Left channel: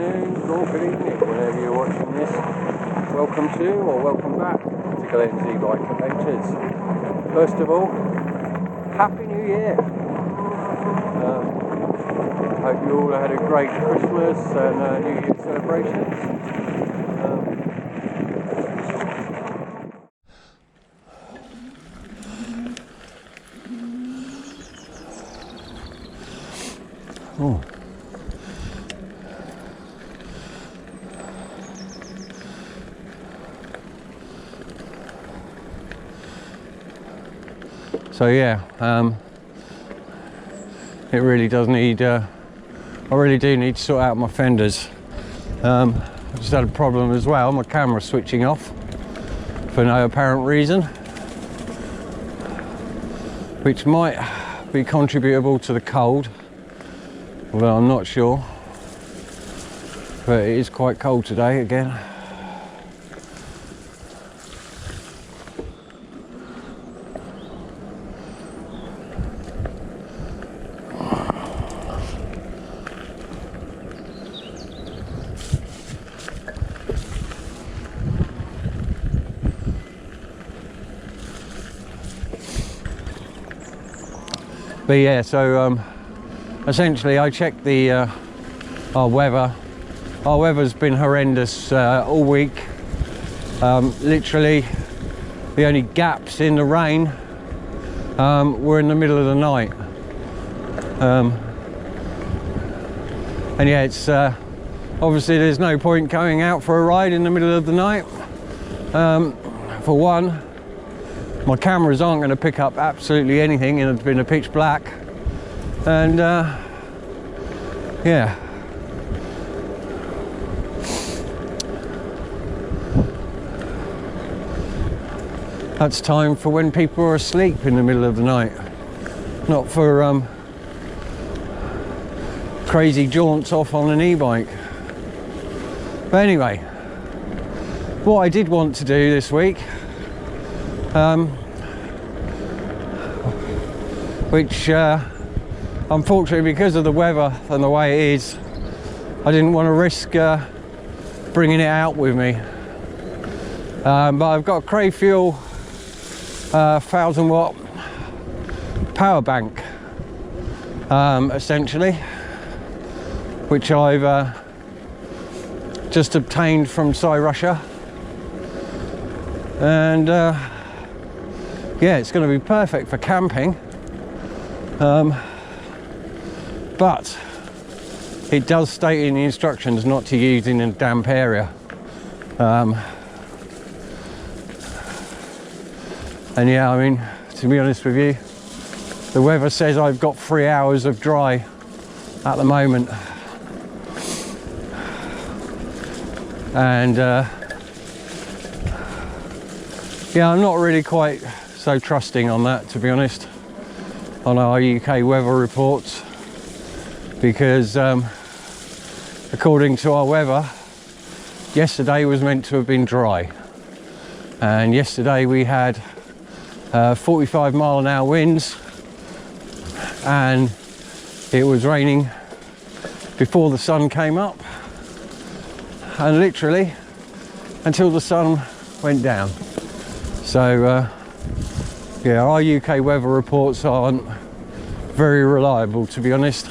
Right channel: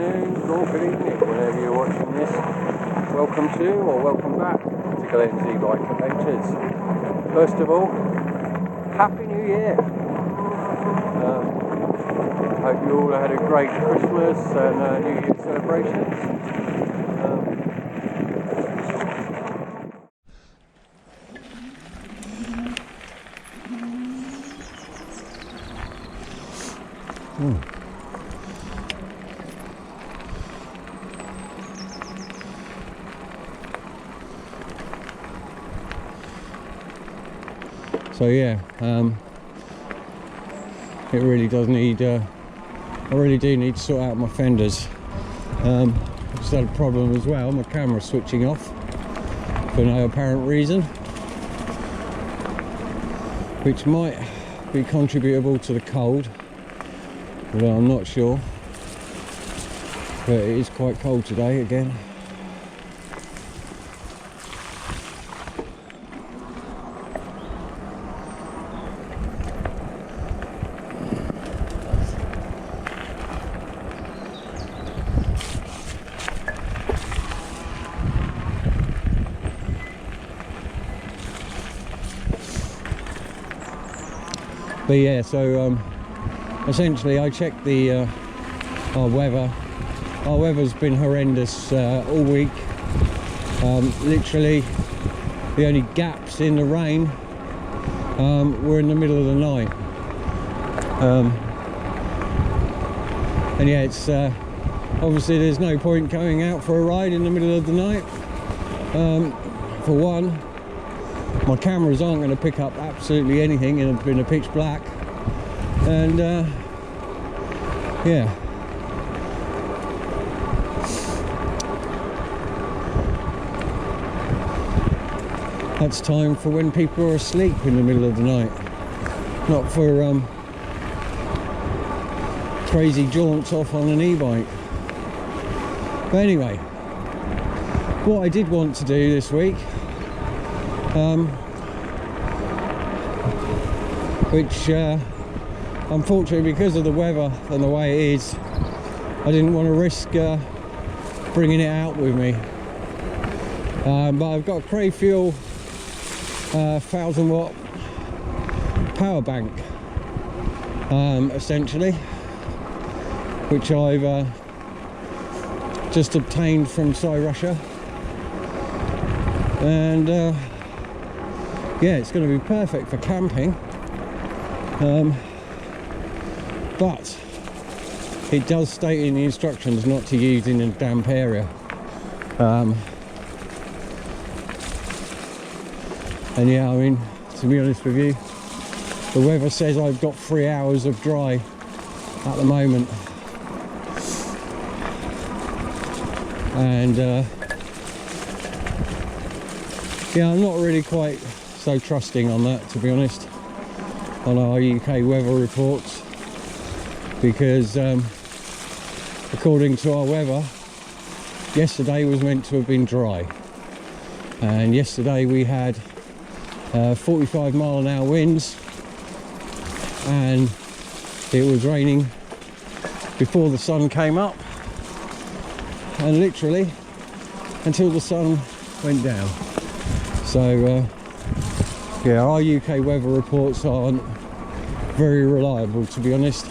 afternoon, or good evening, whenever you're watching this. Welcome to, or welcome back to Glenn's Ebike Adventures. First of all, Happy New Year! Hope you all had a great Christmas and New Year celebrations. So yeah, it really does need, I really do need to sort out my fenders. I just had a problem as well, my camera switching off for no apparent reason, which might be contributable to the cold, although I'm not sure. But it is quite cold today again. But yeah, so essentially I checked the our weather. Our weather's been horrendous all week. Literally the only gaps in the rain were in the middle of the night. And yeah, it's obviously there's no point going out for a ride in the middle of the night. For one, my cameras aren't going to pick up absolutely anything in a pitch black, and yeah, that's time for when people are asleep in the middle of the night, not for crazy jaunts off on an e-bike. But anyway, what I did want to do this week, which unfortunately, because of the weather and the way it is, I didn't want to risk bringing it out with me. But I've got a Crafuel 1000 watt power bank, essentially, which I've just obtained from Cyrusher, and yeah, it's going to be perfect for camping, but it does state in the instructions not to use in a damp area. And yeah, I mean, to be honest with you, the weather says I've got 3 hours of dry at the moment, and yeah, I'm not really quite so trusting on that, to be honest, on our UK weather reports, because according to our weather, yesterday was meant to have been dry, and yesterday we had 45-mile-an-hour winds, and it was raining before the sun came up, and literally until the sun went down. So yeah, our UK weather reports aren't very reliable, to be honest.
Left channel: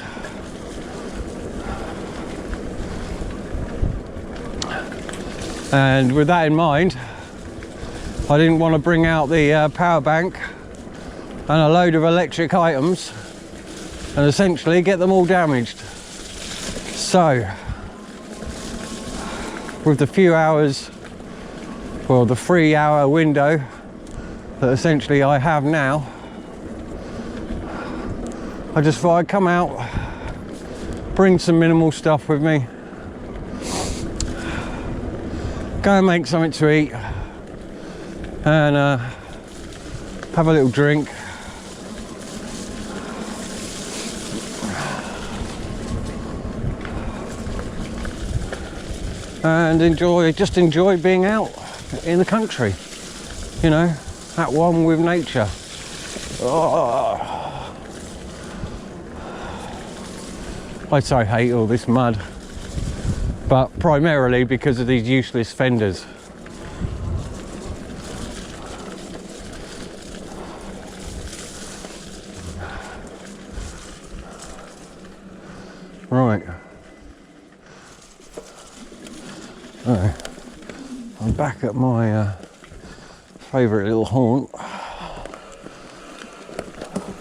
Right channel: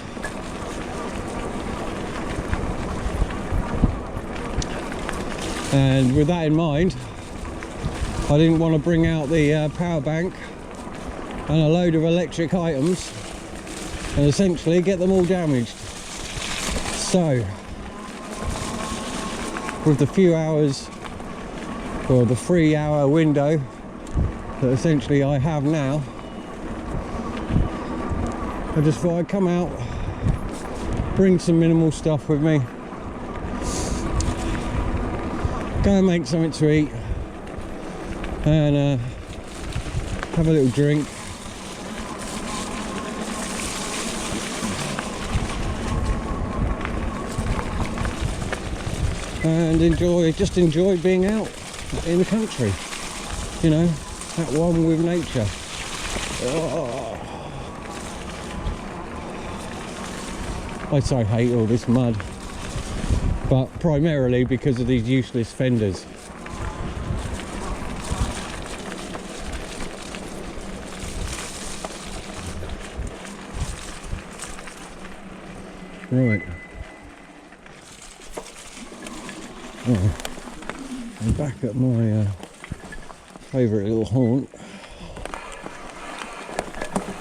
And with that in mind, I didn't want to bring out the power bank and a load of electric items and essentially get them all damaged. So with the few hours, well, the 3-hour window that essentially I have now, I just thought I'd come out, bring some minimal stuff with me, go and make something to eat, and have a little drink, and just enjoy being out in the country, you know, at one with nature. Oh, I so hate all this mud. but primarily because of these useless fenders. Right. I'm back at my favourite little haunt.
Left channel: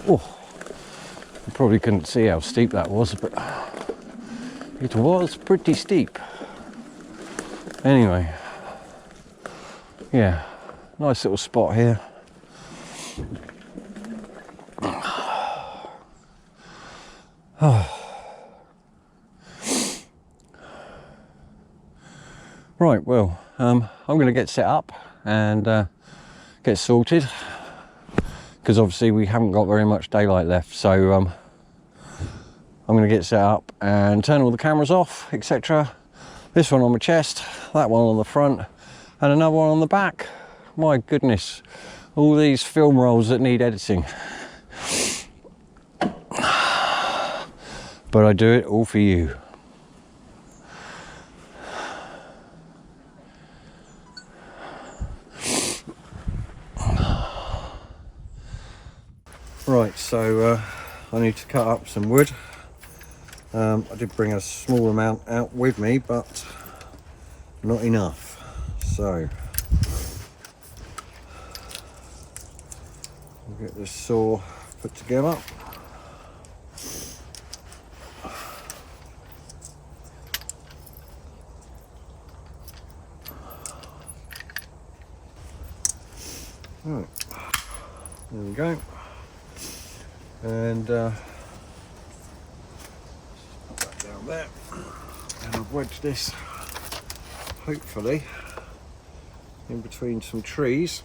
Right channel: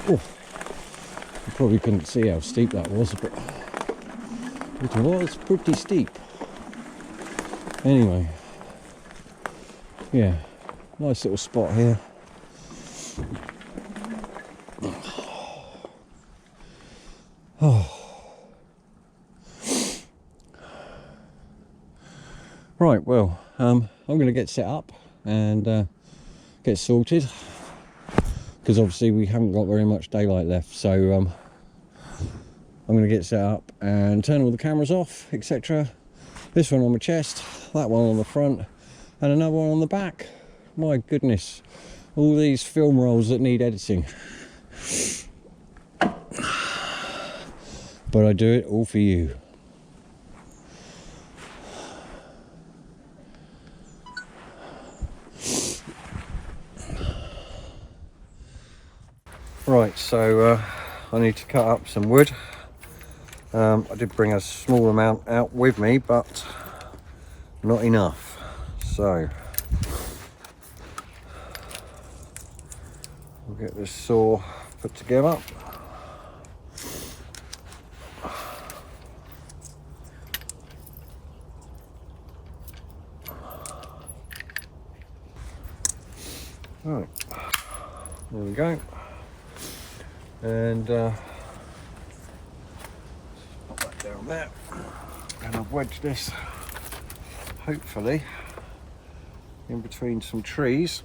Oh, you probably couldn't see how steep that was, but it was pretty steep. Anyway, yeah, nice little spot here. Right, well, I'm going to get set up and get sorted, because obviously we haven't got very much daylight left, so I'm going to get set up and turn all the cameras off, etc. This one on my chest, that one on the front, and another one on the back. My goodness, all these film rolls that need editing. But I do it all for you. Right, so I need to cut up some wood. I did bring a small amount out with me, but not enough. So we'll get this saw put together. Right, there we go. And put that down there, and I've wedged this hopefully in between some trees.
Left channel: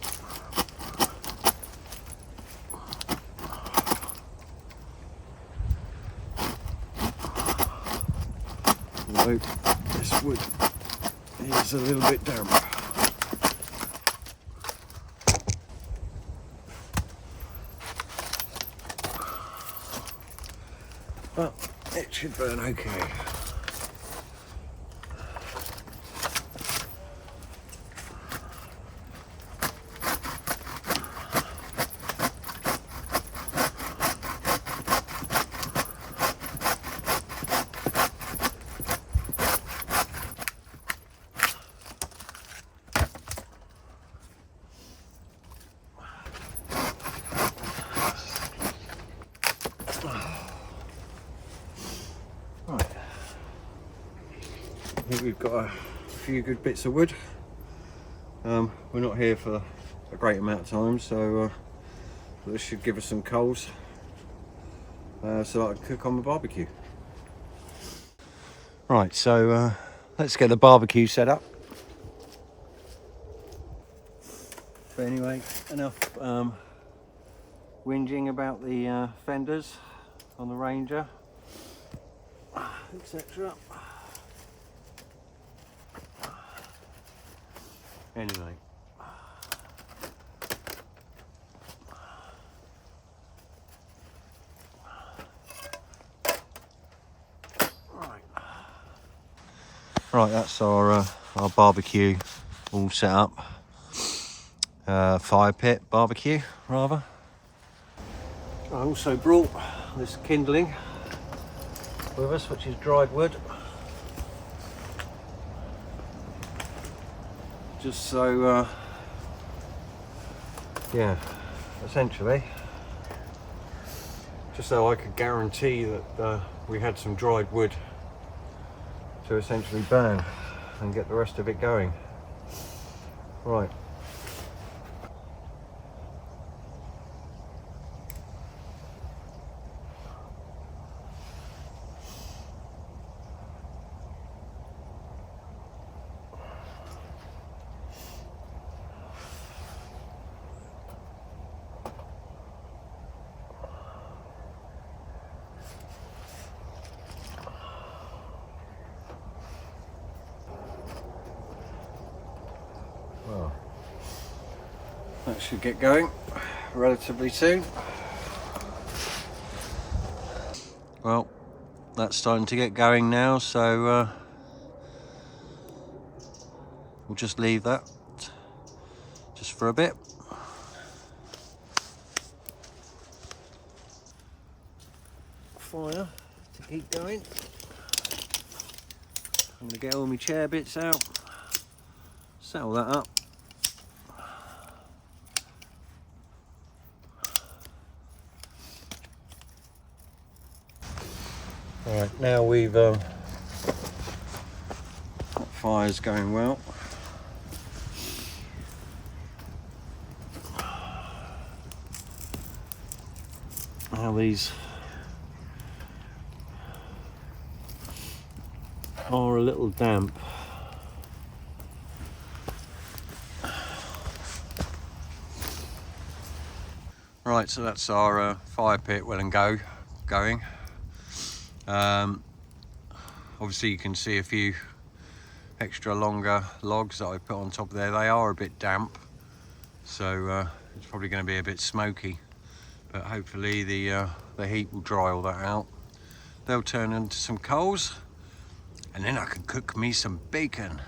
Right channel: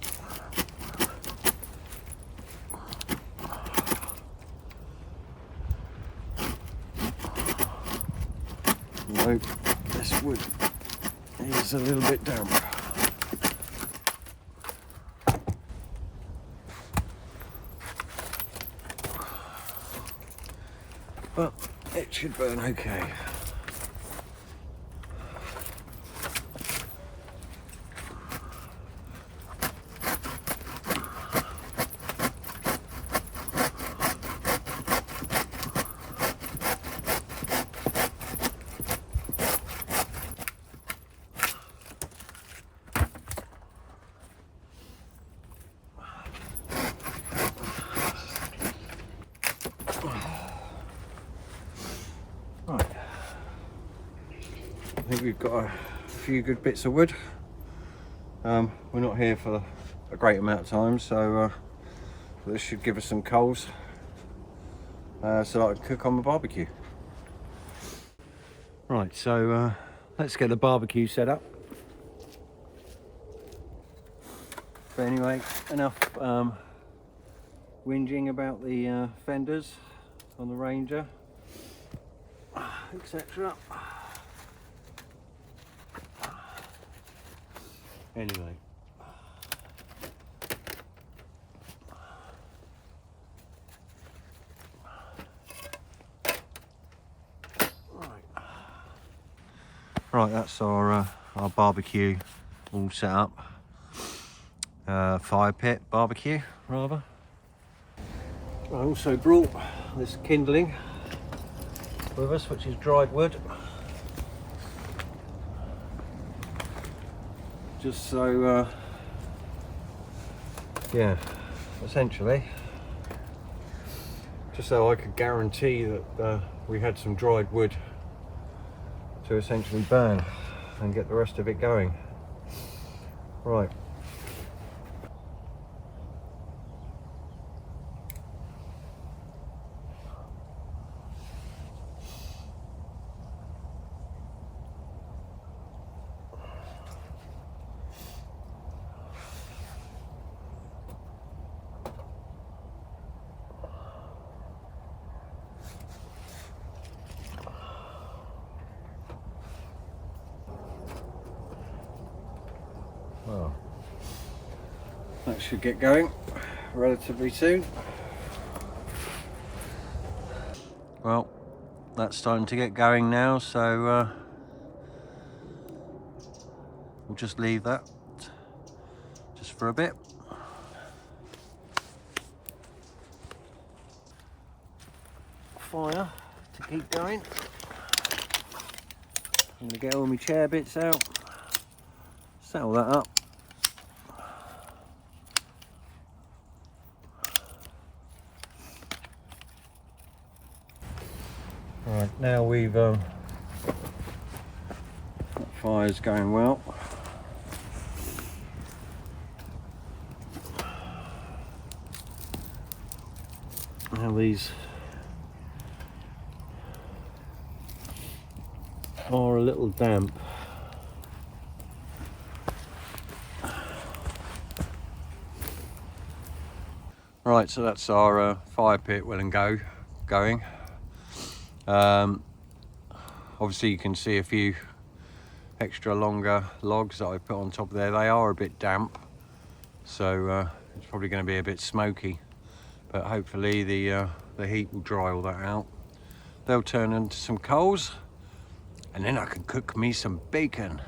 Nope, this wood is a little bit damp. But it should burn okay. I think we've got a few good bits of wood. We're not here for a great amount of time, so this should give us some coals so I can cook on the barbecue. Right, so let's get the barbecue set up. But anyway, enough whinging about the fenders on the Ranger, etc. Anyway, right, that's our barbecue all set up. Fire pit barbecue, rather. I also brought this kindling with us, which is dried wood. Just so, yeah, essentially, just so I could guarantee that we had some dried wood to essentially burn and get the rest of it going. Right. Well, that should get going relatively soon. Well, that's starting to get going now, so we'll just leave that just for a bit. Fire to keep going. I'm going to get all my chair bits out, settle that up. Right, now we've that fire's going well. Now these are a little damp. Right, so that's our fire pit well and going. Obviously you can see a few extra longer logs that I put on top there. They are a bit damp, so it's probably going to be a bit smoky, but hopefully the heat will dry all that out. They'll turn into some coals, and then I can cook me some bacon.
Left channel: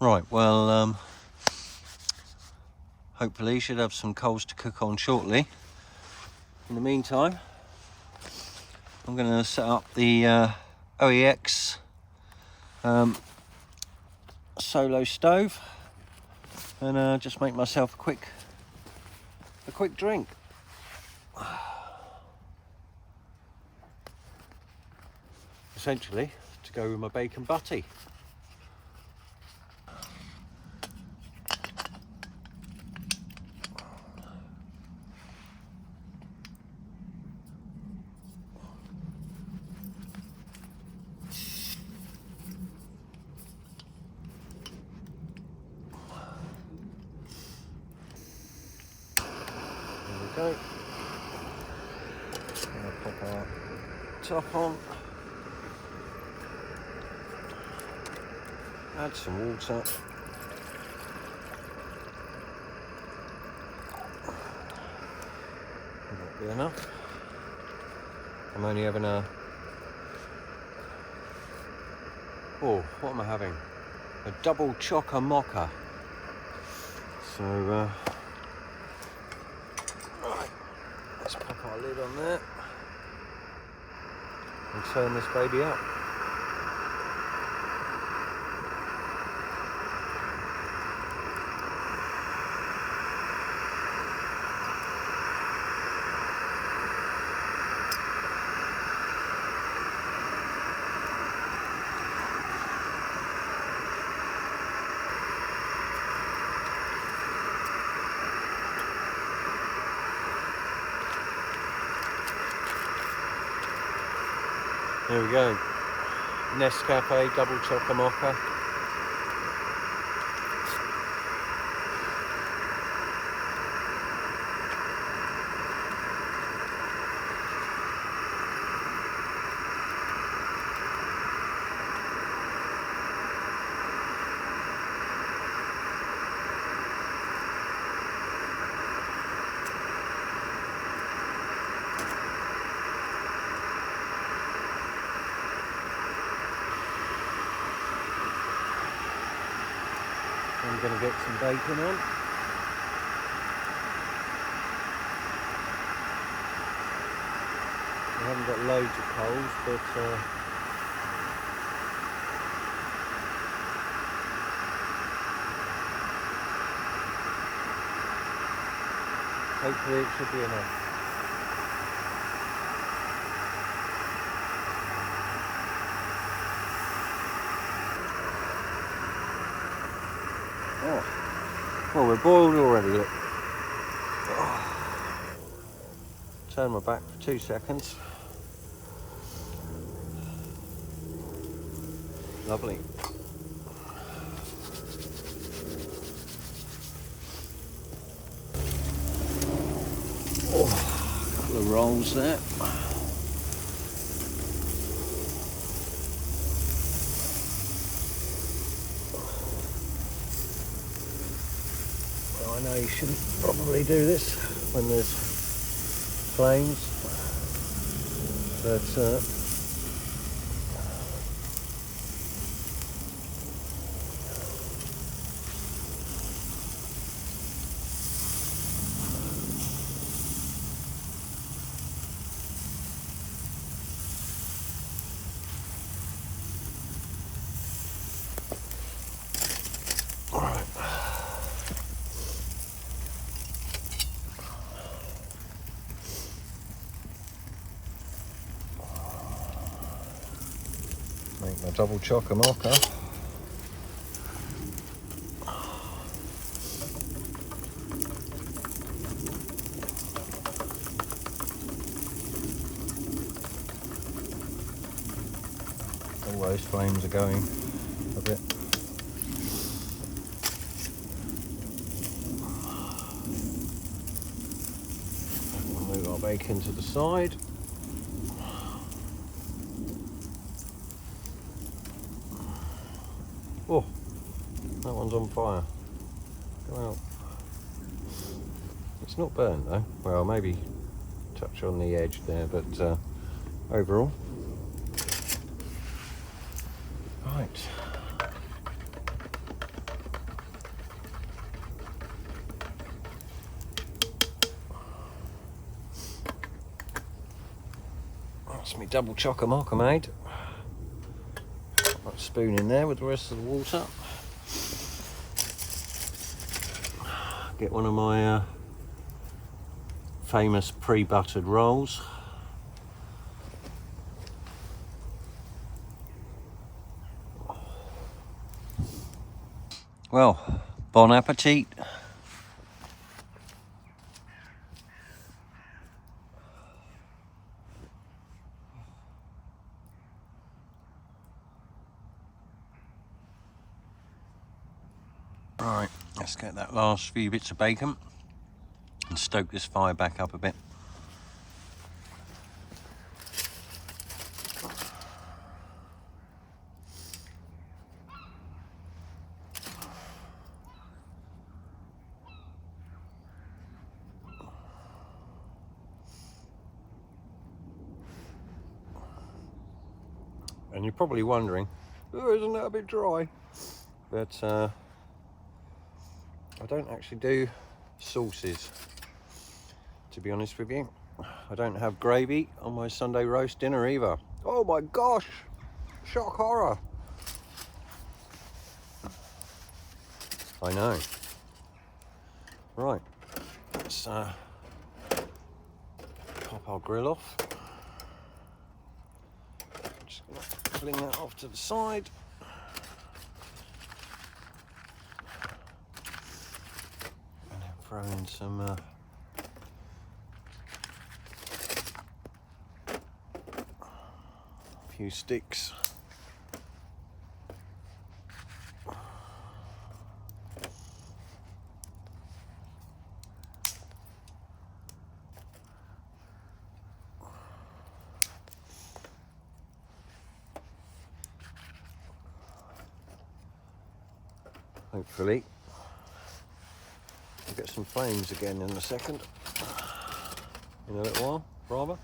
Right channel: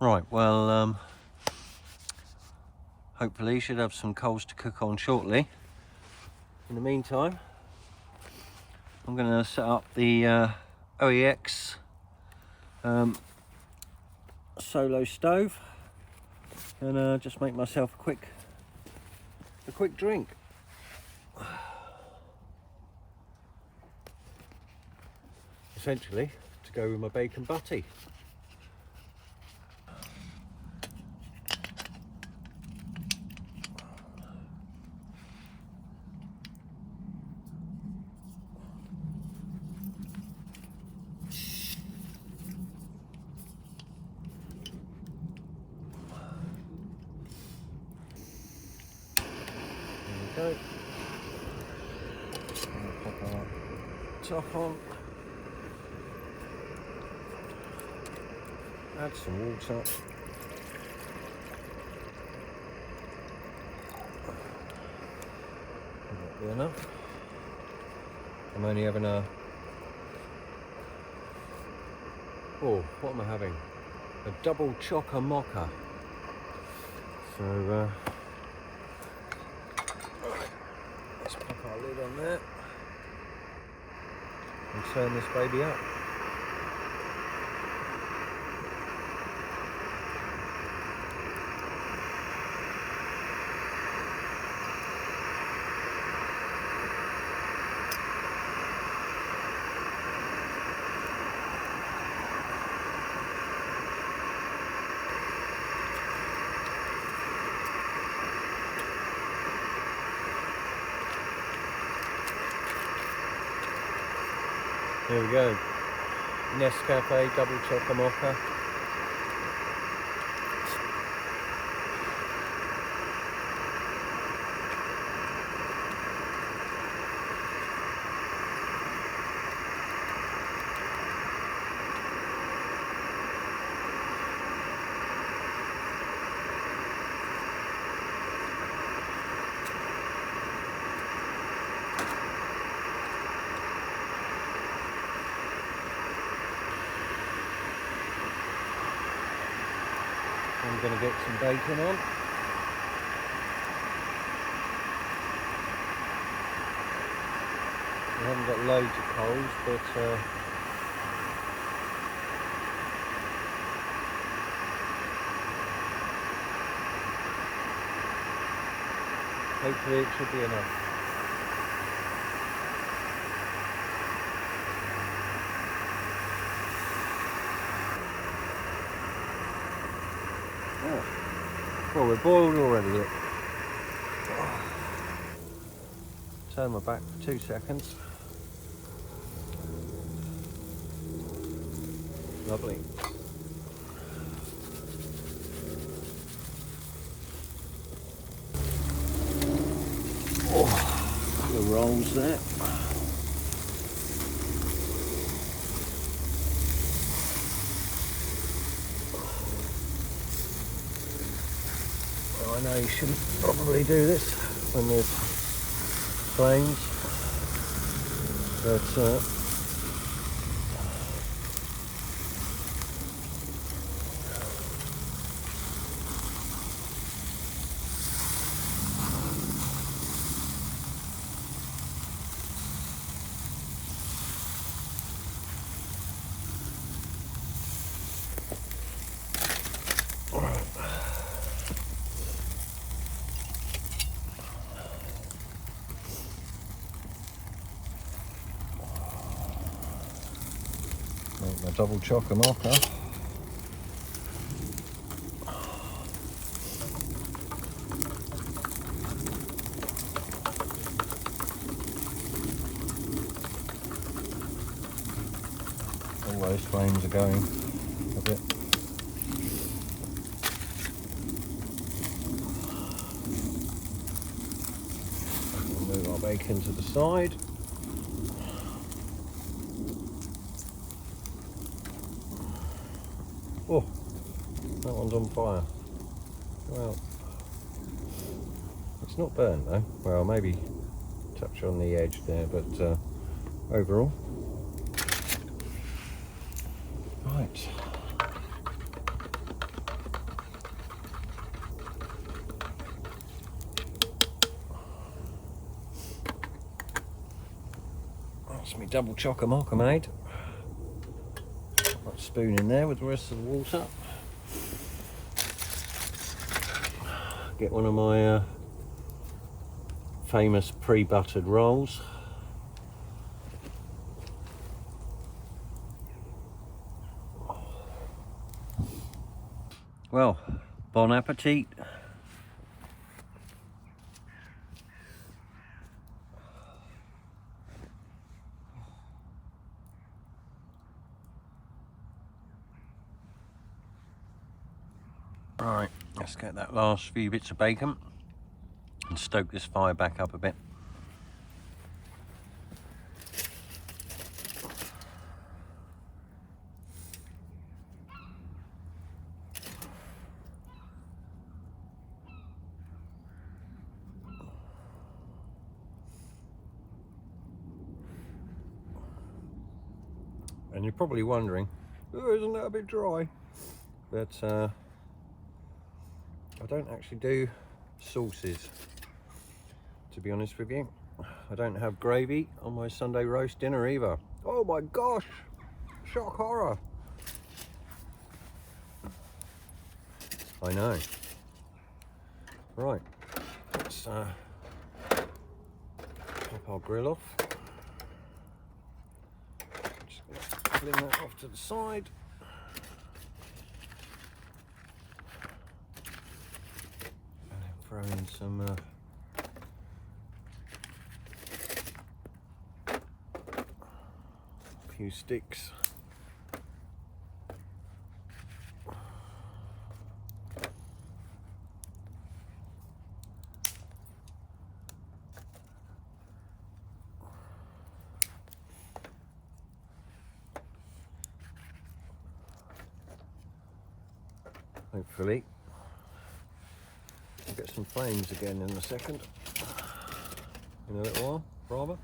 Right, well, hopefully should have some coals to cook on shortly. In the meantime, I'm going to set up the OEX solo stove and just make myself a quick drink. Essentially to go with my bacon butty. There we go. I'm going to pop our top on. Add some water. That'll be enough. I'm only having a... Oh, what am I having? A double chocker mocha. So, let's pop our lid on there and turn this baby up. There we go, Nescafe double chocolate mocha. I'm going to get some bacon on. We haven't got loads of coals, but hopefully it should be enough. Oh, we're boiled already, look. Turn my back for 2 seconds. Lovely. Oh, a couple of rolls there. I know you shouldn't probably do this when there's flames, but make my double chocker marker. All those flames are going a bit. We'll move our bacon to the side. Oh, that one's on fire. Well, it's not burned though. Well, maybe touch on the edge there, but overall. Right. That's me double chocker marker made. Put a spoon in there with the rest of the water. Get one of my famous pre-buttered rolls. Well, bon appetit. Right, let's get that last few bits of bacon and stoke this fire back up a bit. And you're probably wondering, oh, isn't that a bit dry? But I don't actually do sauces, to be honest with you. I don't have gravy on my Sunday roast dinner either. Oh my gosh, shock horror. I know. Right, let's pop our grill off. Just gonna fling that off to the side. And then throw in some a few sticks. Hopefully we'll get some flames again in a second, in a little while, rather.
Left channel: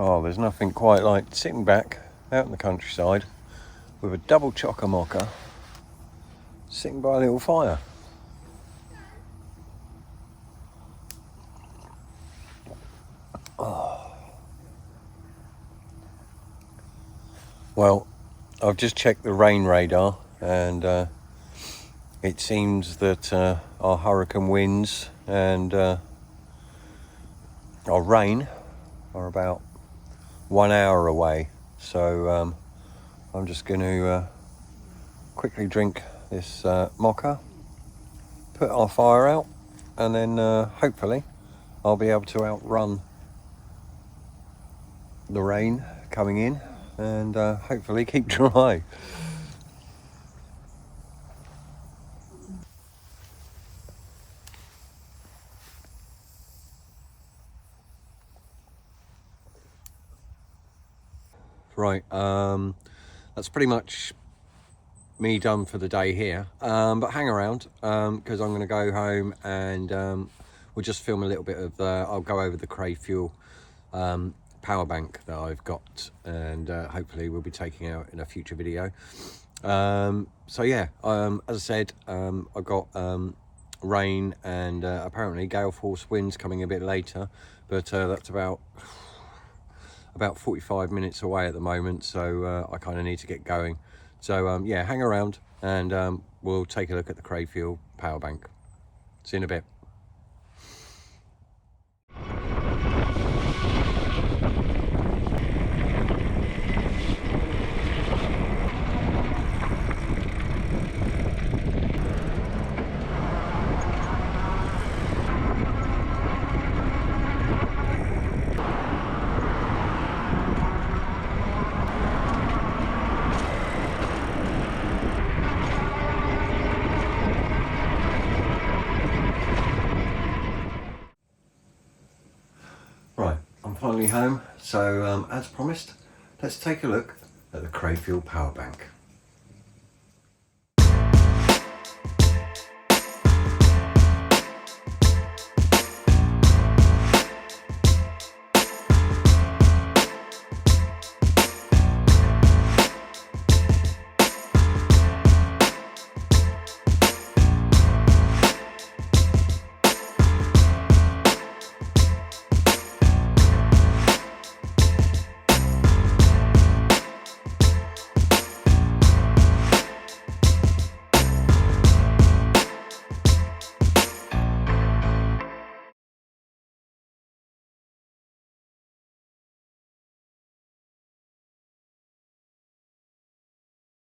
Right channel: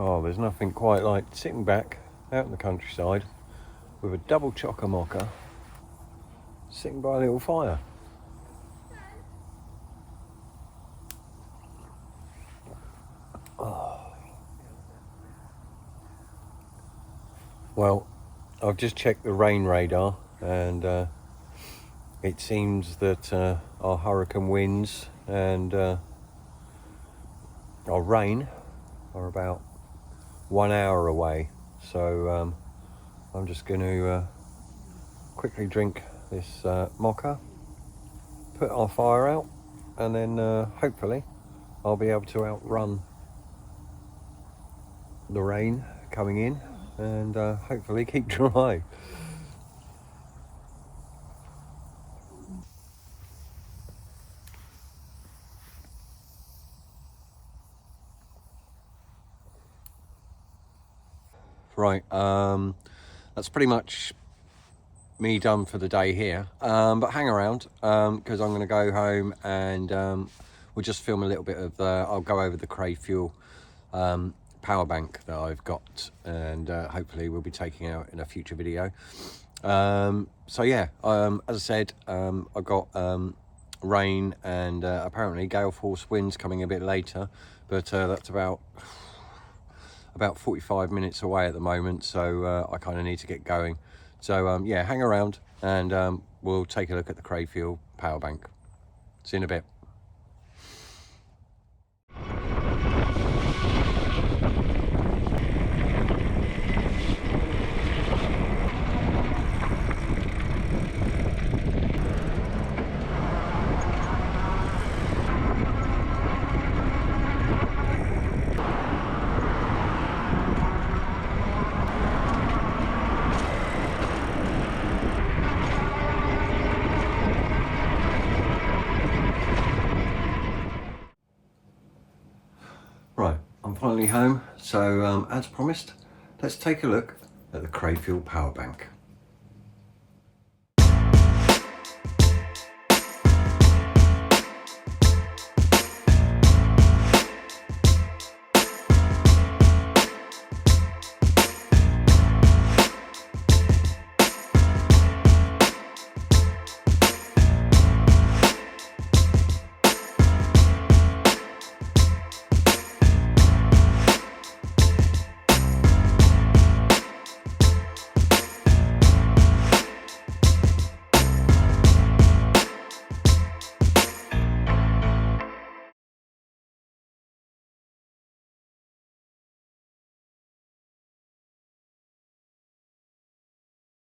Oh, there's nothing quite like sitting back out in the countryside with a double chocker mocha, sitting by a little fire. Oh. Well, I've just checked the rain radar, and it seems that our hurricane winds and our rain are about 1 hour away. So I'm just going to quickly drink this mocha, put our fire out, and then hopefully I'll be able to outrun the rain coming in and hopefully keep dry. Right, that's pretty much me done for the day here, but hang around because I'm going to go home and we'll just film a little bit of I'll go over the Crafuel power bank that I've got, and hopefully we'll be taking out in a future video. So yeah, as I said, I've got rain and apparently gale force winds coming a bit later, but that's about 45 minutes away at the moment, so I kind of need to get going. So yeah, hang around and we'll take a look at the Crafuel power bank. See you in a bit. Right, I'm finally home, so as promised, let's take a look at the Crafuel power bank.